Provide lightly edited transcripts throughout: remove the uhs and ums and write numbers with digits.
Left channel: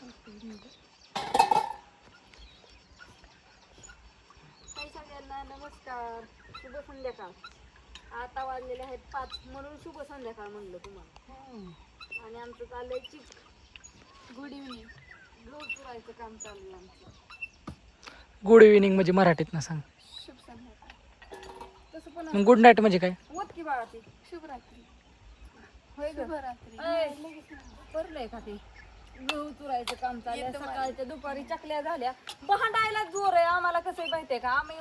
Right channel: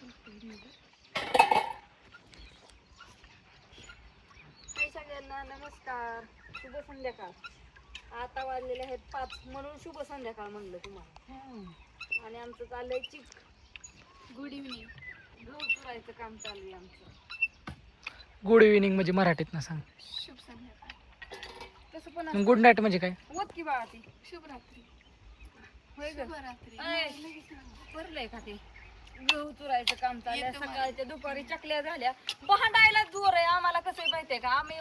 सगळ्यांना नमस्कार, शुभ संध्याकाळ. आता वाजलेले आहेत 5 म्हणून शुभ संध्याकाळ म्हणलं तुम्हाला. आणि आमचं चाललंय गुड इव्हनिंग. गहू चुरायचं काम चालू आहे आमचं. गुड इव्हनिंग म्हणजे मराठीत ना सांग. शुभ संध्याकाळ. तसं पण मग गुड नाईट म्हणजे काय? होत की बाळा ती शुभरात्री. होय ग भरलंय का ते गहू चुरायचं काम चाललंय. सकाळच्या दुपारी चकल्या झाल्या. भांडायला जोर आहे आम्हाला. कसं माहितीये का, आम्ही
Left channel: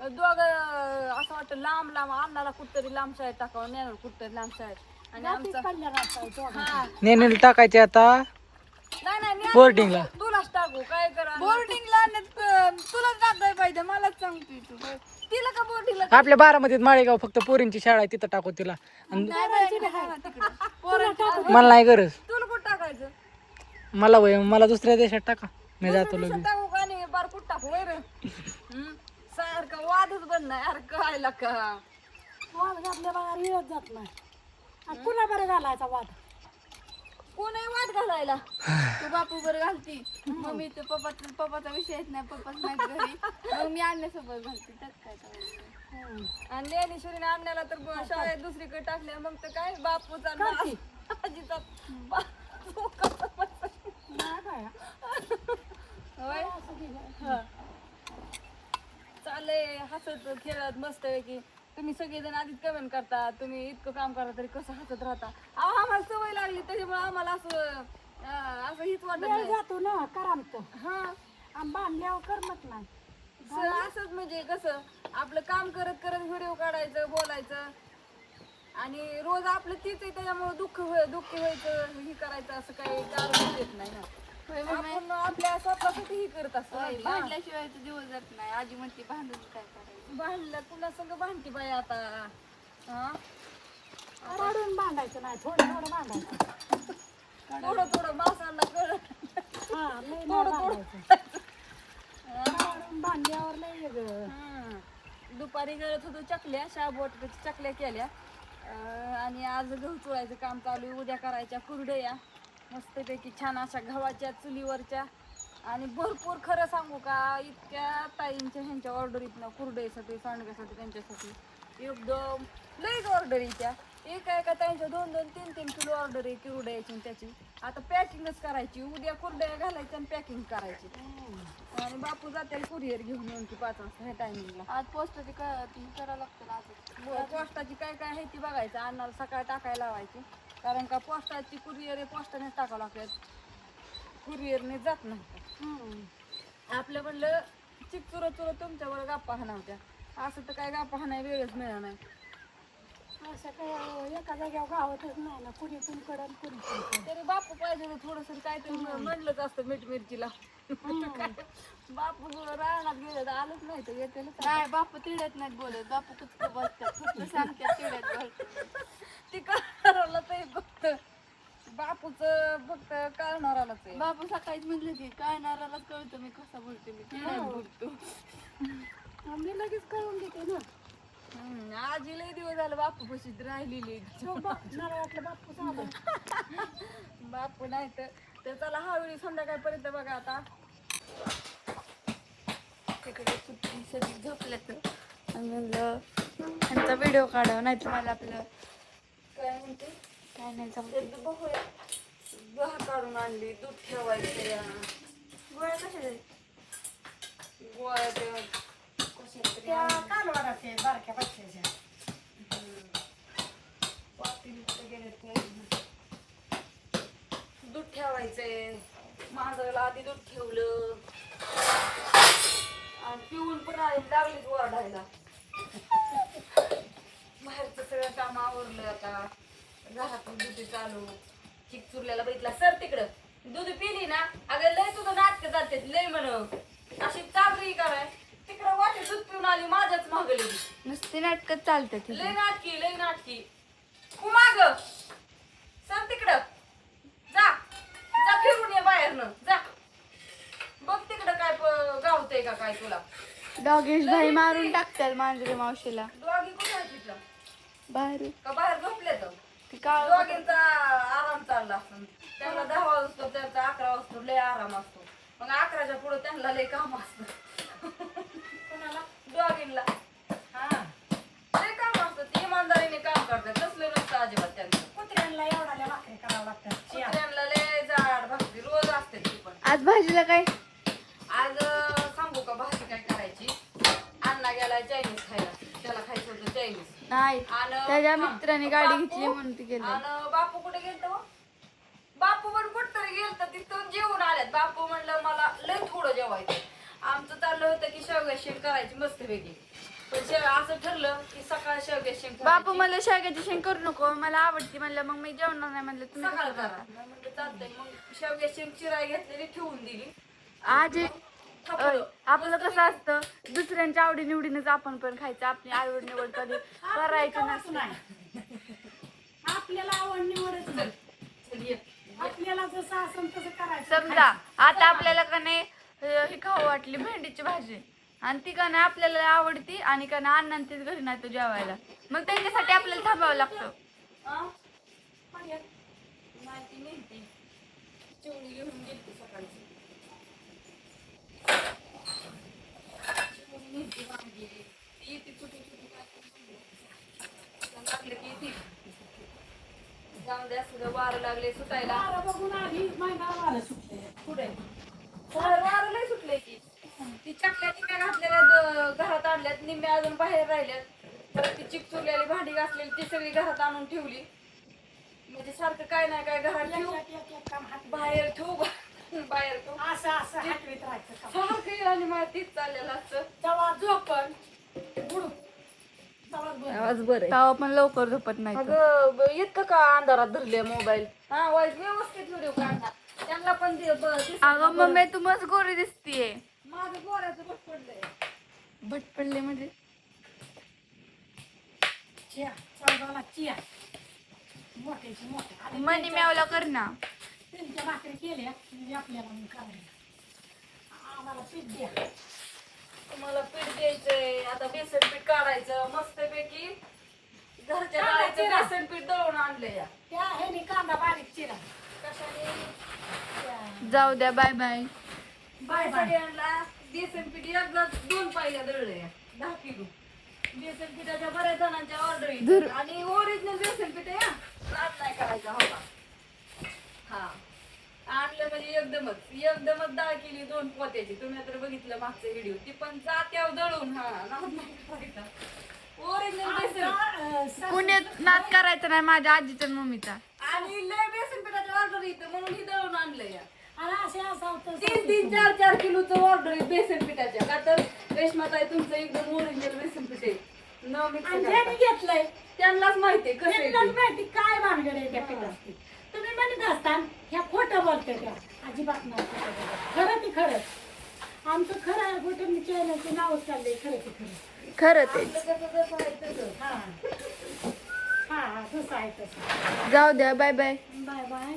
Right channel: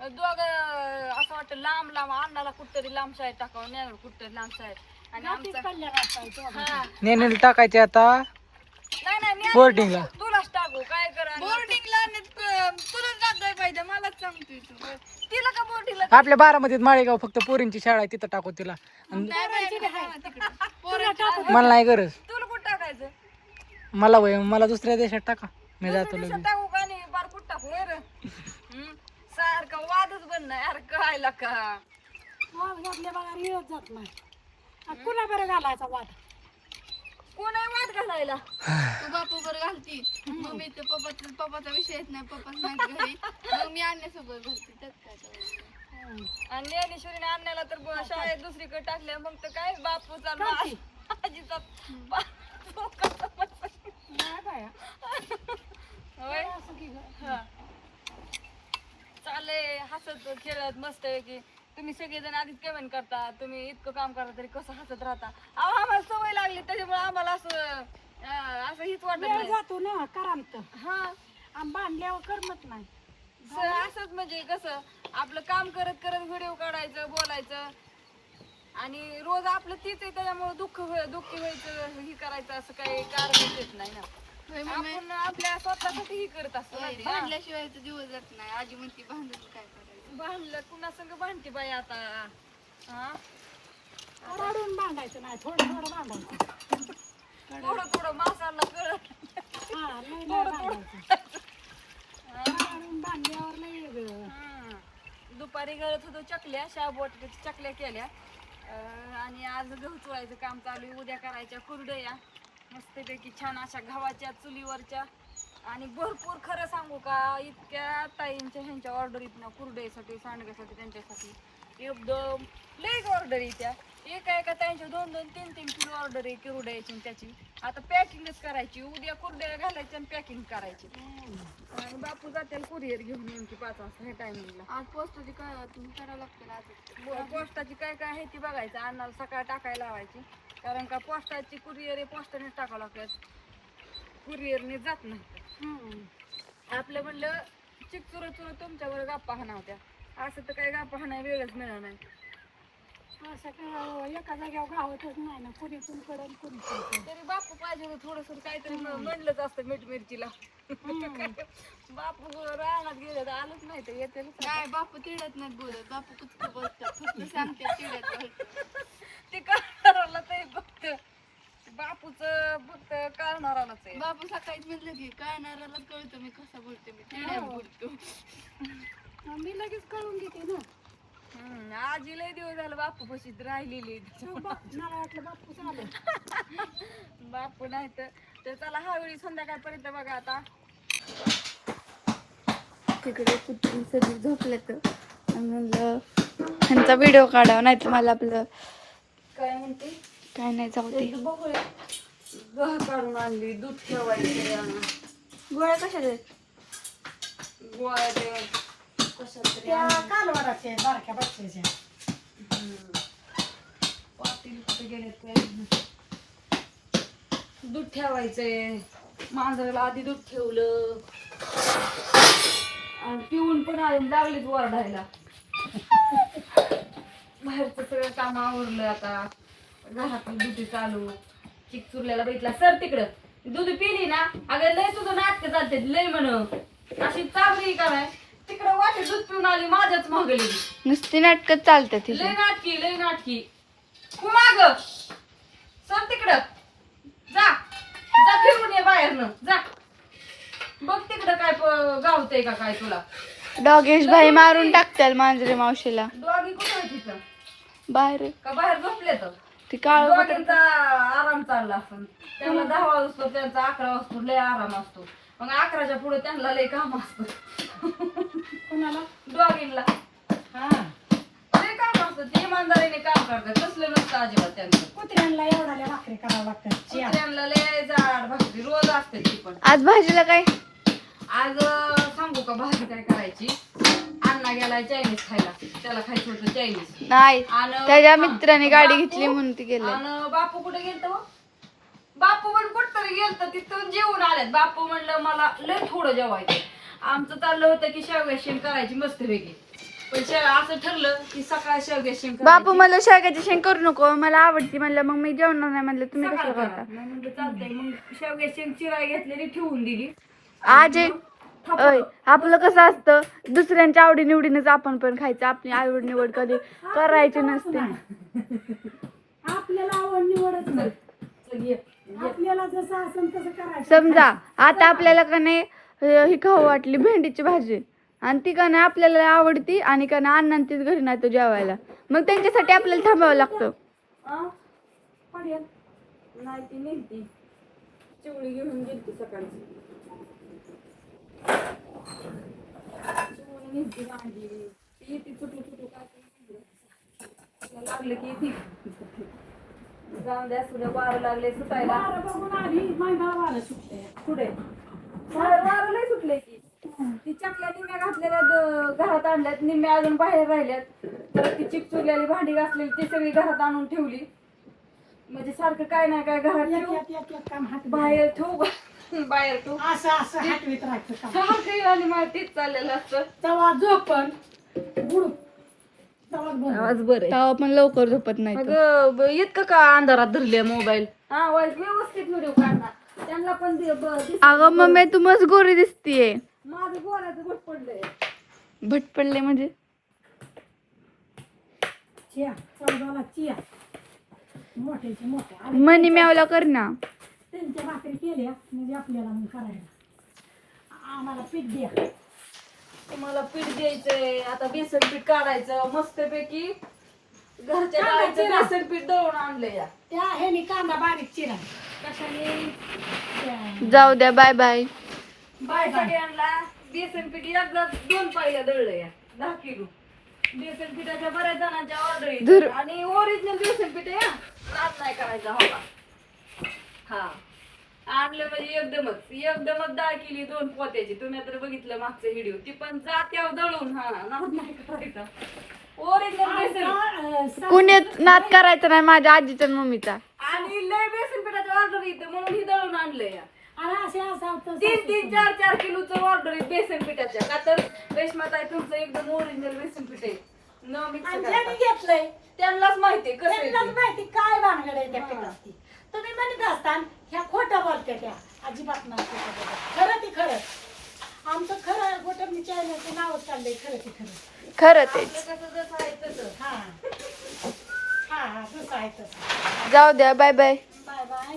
दोघं असं वाटतं लांब लांब अन्नाला कुठतरी लांब शाळेत टाकावं, नेणार कुठतरी लांब शाळेत. आणि आमचा नेनेल टाकायचे आता नाही नाही बोर्डिंगला. तुलाच टाकू काय करा बोर्डिंगला. तुलाच टाकाय पाहिजे, मलाच सांगतोय तू. तिला का बोर्डिंगला? आपल्या बारामतीत माळेगाव फक्त पोरींची शाळा आहे, तिथं टाकू तिला. मला नाही गरज. तुला कुठं टाकायचं? मला वय मला दुसऱ्या देशात टाका, मी जातो लगेच. टाकू का नाही बार कुठं टाकू सारखं वादच बनणार यार. कळायला का वाद घातल्या बघा येत जात नाही. कुणा बरं घालायचा वाद? कोणाही वाद घालायला. तू बापू बरं घालती, मम्मी तर पप्पाचा विषय येत नाही, पप्पाच नाही घरी, मग मी आणण्यासोबत घालते. त्यात काय करायचं? आणि ज्ञानेश्वरीने आणण्याला तर शाळेत दुसरीकडे टाकले. मग तर काय बापूचा आजीचा होय. चाललंय हसत खेळत मस्त आहे की. तुम्ही सगळेजण आधीच कमेंट करता, तुम्ही इतकं काम करता तरी कसं हसत राहता. अहो आम्हाला सवय लागली त्याच्यामुळे आम्हाला असं असं हीच वाटत नाही. जातो ना करामत. हा बांधल्यावर करमत नाही. असंच म्हणजे कसं आपलं काम करत करत व्हिडिओ काढायचं, बोलायचं. आणि रोज आपलं तीच आहे त्याच्यामुळे दुःखी व्हायचं, ही करायचं असं काही कारण येत नाही ना. आपण आपल्या स्वतःसाठी ही करत असतो. भांडल्याशिवाय तर दिवस जात नाही. आजी म्हणते भांडून काय करायचं? भांडलं कुणा संग भांडते बाई आता. रडून बांधायचं नाही, थोडं थोडं बांधायचं. थोडं थोडं माणसाला कळत. रडून बांधल्यावर लय वेगळं. दुपारी गळत होतो चकल्या, शाबूच्या चकल्या केल्या. आणि आज गहू चुरायचं काम चालू आहे. उद्या करायच्या कुरडया मस्तपैकी छान अशा गव्हाच्या चुलीवरच्या. आणि भरपूर खरं सांगू का, इतक्या ताईंच्या ह्यांच्या ऑर्डरीतनं कुरडईसाठी, सांडग्यासाठी, त्यांच्यासाठी एकदम लईच ऑर्डर येत्या. एका ताईंच्या 2-2, 3-3 किलो ऑर्डर आहे कुरडयाची. त्याची आता पॅकिंगच करायची. उद्या कुरडया घालायच्या आणि पॅकिंग करायची. आणि बापू जाते कुरिअर घेऊन नेमकी 5 वाजता ह्या टायमिंगला. आज पोस्टाची काय करावं लागतं आज? पोस्टाची काय काय आहे ती बघायचं. अन्नाला सकाळ टाकायला लावायची. कारण का पोस्टाची कुरिअर आहे, पोस्टानेच टाकावं लागतात, कुरिअरने जात नाही. आपलं म्हणलं चिक चुरत तुमच्यावर गप्पा हाना होत्या. असं तर काय गप्पा हाना वेगळंच मिळणार नाही. असं काय एका जाग्यावर गावतच नाही ना, कुणी पण कडन कुणी पण. तरी बापू पाहिजे थोडस काहीतरी म्हणलंच असतं मीठ मिरचीला. बापू रानात गेलं तर आलंच नाही तर येते काय. बापू तिडत नाहीत बोलत, बापू कुठं बोलतात, कुठं सांगतात तिडत बोलतात. ते करणाराला ते फक्त बापूच फक्त करणारालाच आहे. बापू सकाळीच म्हटलं की कळणारालाच कळतं मी कसा बोलते, मी तिडत बोलतो. मी लगेच कळून घेते ना. आजी लय दिवस झालं बापू पशीच राहिलेली. मला वाटलं बापू झालं. बापू नाही तर चला हावेळी संध्याकाळपर्यंत बघा. आता तिकडे कुठली सगळी झोपल्या तर म्हणलं ह्यांचा व्हिडिओ काढावा, नाही तर मला आपलं काय म्हणते काय नाही जाऊ दे. गहू काढून आणली, दूध ठेवायचे. गोळ्या कशाला आहेत? गोळ्या कशात तरी त्या कालवडाचे बारक्या बच्चेच्या. दूध ठेवायचंय. मांजराला आधी दूध ठेवलं आणि पिऊन पण लागलीच ओरडायला. बाहेरचं सगळं काम आवरलं. आता घरातून दूध चालू. चिक चुरल्याला बघितला सर तिकडं दूध पिली ना, अगं लय तुझं नाटक चालते लय म्हण. अशी चाबरी काय तिकडं वाटे दूध पिऊन आली माझ्याच मागली. नुसती नाटकं चालतात. लय नाटकी माग सर तिकडं जा फिरून ये बाहेरनं जा. बघ तिकडं काय गावतंय का काय तुला. डॉगेश भाई मारून टाकतात मांजरे मावशीला. डॉगी कुठं आहे तिथं? बाहेर का बाहेर झोपले तर ती काळ दोघांचा आराम चालला असतो. त्यांना 10 वाजतो, त्यांचा 11 वाजतो, लय आराम असतो. मग 11च्या पुढे त्यांना लय काम असतं. कोणाला दोघींना हा लय काम असतं. ते इमानदारीने काम करतात, कसलं नसतं अजिबात त्यांचं. कुत्र्यांना एवढ्या भाकरी करावं लागतात कुत्र्यांना लय जाड भाकरी रोज असते ती पण. आज भाजीला काय आज सांगू का भाजी काय करायची. अण्णा गेलाय चायनीज खायला, त्याला खायचं होतं चायनीज. नाही आणि त्याच्या मित्राने गाडी घेतली म्हणून ती गेले. आणि बापू कुठे गेलत हो? बापू पण कुठतरी गेलत, तिथून जेवून आल्यात. बापू म्हणलं मला लय थोडं जेवायचं. आमचं चाललं होतं की शेवग्याची शेंग करायची मस्तपैकी, पण असं ठरलं की सकाळ शेवग्याची शेंग बापू मला शेवग्याची शेंग करू नको, मला आवडती म्हणलं. मग मी जेवणार नाही म्हणलं. तुम्ही सकाळ कसं करता? म्हणलं चालतंय. मग शेवग्याची शेंग चिराय घेतलेली ठेवून दिली. आज अय आपलं कसं असतं, दुसऱ्यांच्या आवडी निवडीनेच आपण पण खायचं. आपली आवड निवड कधी करायची नसते. आपल्याला आवड निवडच नाही. चल ये. आपल्याला जसं असेल तसं करायचं. समजा आता आपल्याला का नाही ही खाऊ वाटली भेंडीची भाजी, आणि ती का नाही आपल्याला आवडती, आणि का नाही अण्णा तीच घरी नाही तो जेवायला, मग त्यांच्यासाठी आपल्याला थांबावं लागतं. आ? पडेल. नाही ती नेहती चिवळी घेऊन गेली सकाळची. चिवळी नेहती भांडी ती ती चुटू चुटू काय पण लागलं की ती जाऊन द्या. सुद्धा वारं लागले सुटायला. वारं बघून आली, महिना वारं सुटले. कुठे वारं लय सुटले की. ती चकल्या निम्या घातलेल्या घरात आणल्यात, निम्या अजून बाहेर राहिल्यात. तर ती चिकचुरलेली भांडी घातलेली ती सगळी घरात आणून ठेवली. म्हणजे सारखं काय नाही काय घरात ठेवू, एक काम हात बाहेर ठेवू, बाहेर ठेवू. असं असं हातवीत राहायचं काम. सारखं आणि मला तीच चाललेलं असतं. तेव्हा झोपण बुडूक तेव्हा बरं. आवाज बरं तेव्हा पण लवकर झोपत नाही. अगं इतकं का अंधारात धरले मोबाईल. हा व्यवस्थित व्हिडिओ काढणार त्यांना पण अगं मम्मी तू मस्त गोरी दिसतीये. माझं गोऱ्याचं भट पडलंय. भट पडले म्हणजे चिया चौदाला चिया मोठ्याची मोठ्या आणि मनी म्यावला कर ना. त्यांच्या भाकरी केल्या म्हणजे आपल्याला मग करायला. आम्हाला पीठ द्या. तुम्हाला पीठ द्यायचंय आता. बेसन पीठ काढायचं मस्तपैकी. घरच्या डाळीचं बेसन पीठ दळून आणलंय या. त्या ह्यानी कांदा बारीक चिरा. कशाने जाऊ द्या, बाय बाय. बायसाठी आणला बेसन पीठ. एकदा 2 पायल्या दळलं या 10 किलो. बेसन पिठाच्या बऱ्याच जणांच्या ऑर्डर आणि ओरिजिनल बेसन पीठ आहे. रात नाही करायचा हवा. हा आणलं म्हणजे एकदमच डाळ केली 2 पोत्याची. तुम्ही तर बघितलं मागचे व्हिडिओ. ती पण जात्यावर दळून. हा नाद नाही करायचा. ओरिजिनल बेसन. कुणी नाद करायचं नाही माझ्या आजीच्या आणि मम्मीचा. आणि लय बेसन पिठाच्या ऑर्डर येते म्हणून ही दळून आणलंय. आणि असे असं 3-3, 4-4 किलोचं ऑर्डर आहे बेसन पिठाच्या. का तर रेशमाताई तुमचं एकदम ओरिजिनल बेसन पीठ आहे. न मिक्स ज्याने घेतलंय त्यांनाच माहितीये कसं आहे त्यांनाच ते. माहिती काय भानगड आहे त्या पिठाची. तुम्ही म्हणत असताल ह्या खोटं बोलते त्या. अजिबात नाही खोटं बोलत. खरं ती खरं. आमचं खरं खोटं मी चॅनलचं नाव चाललंय. खरं ती खरं. खरं ते. आपलं कसं जसं आहे तसं. हा हा हा तसं आहे तसं. जाऊ द्या, बाय बाय. Bye bye.